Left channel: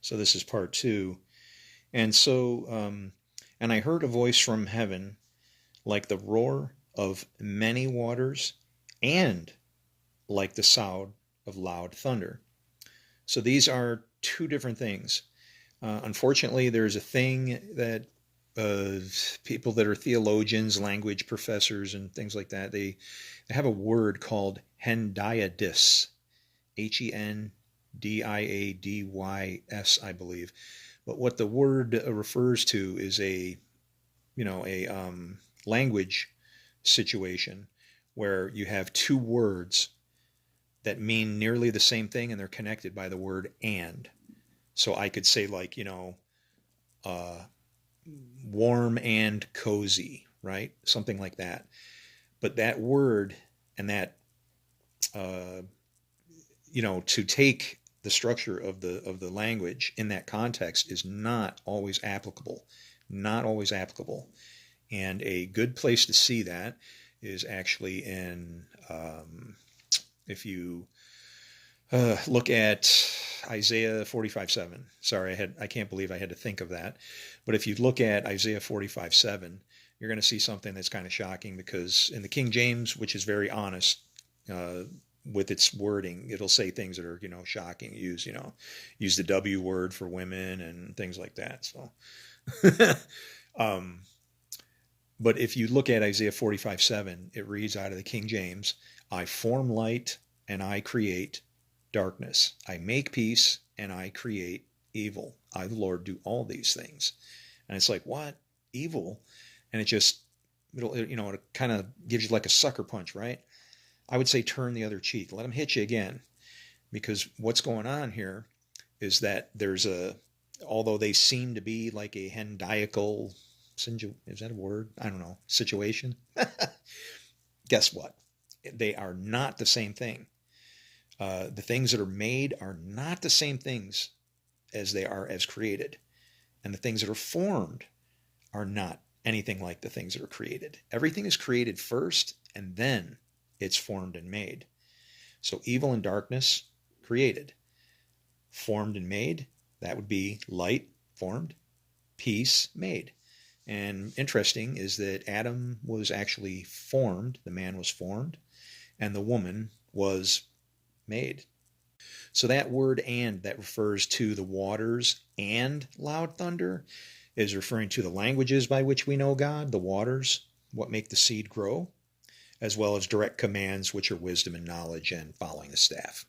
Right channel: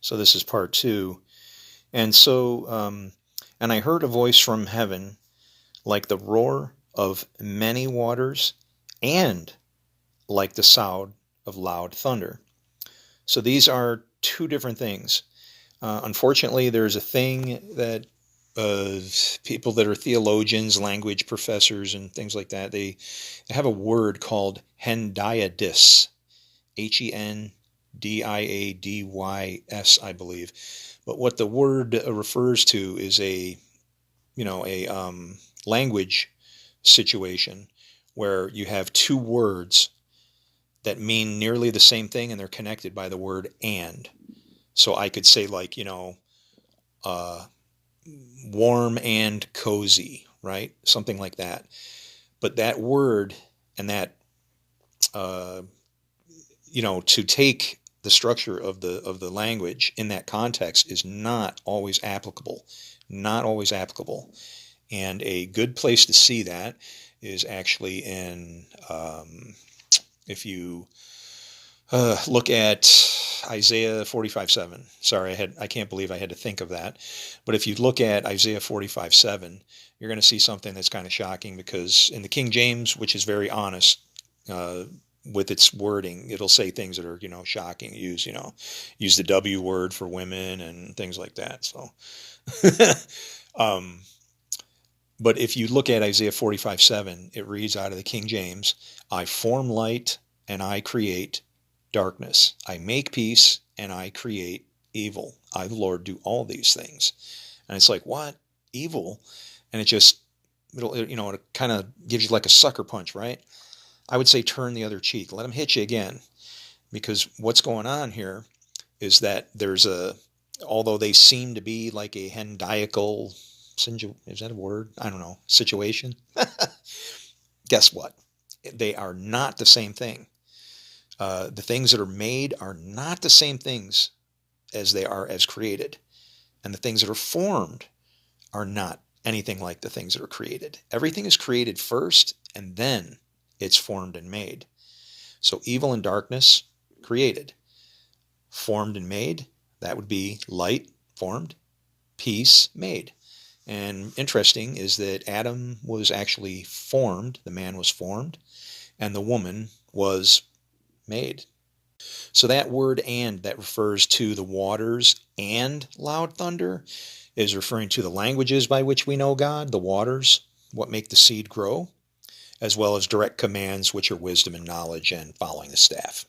So this is part two. And and I heard a voice from heaven like the roar of many waters and like the sound of loud thunder. So these are two different things. Unfortunately, there's a thing that people that are theologians, language professors, and things like that, they have a word called hendiadys, Hendiadys, I believe. But what the word refers to is a language situation where you have two words that mean nearly the same thing and they're connected by the word and. So I could say like, uh, warm and cozy, right? Something like that. But that word and that, uh, to take the structure of the language in that context is not always applicable. Not always applicable. And a good place to see that is actually in, if you look at Isaiah 45:7. Sorry, I can't believe I had to think of that. But if you look at Isaiah 45:7, you're going to see something that's kind of shocking because in the King James, which is very honest uh, with its wording, it'll say things that are shocking. Use the W word for women and things like that. So, um, but if you look at Isaiah 45:7, it reads out of the King James, I form light and I create darkness. I make peace and I create evil. I, the Lord, do all these things. And it's like, what? Evil? And it kind of gives you like a sucker punch, right? I would say turn the other cheek. Let them hit you again. Because what's going on here is that although they seem to be like a hendiacal, is that a word? I don't know, situation. Guess what? They are not the same thing. The things that are made are not the same things as they are as created. And the things that are formed are not anything like the things that are created. Everything is created first and then it's formed and made. So evil and darkness created. Formed and made, that would be light formed, peace made. And interesting is that Adam was actually formed, the man was formed, and the woman was made. So that word and that refers to the waters and loud thunder is referring to the languages by which we know God, the waters, what make the seed grow, as well as direct commands, which are wisdom and knowledge and following the staff.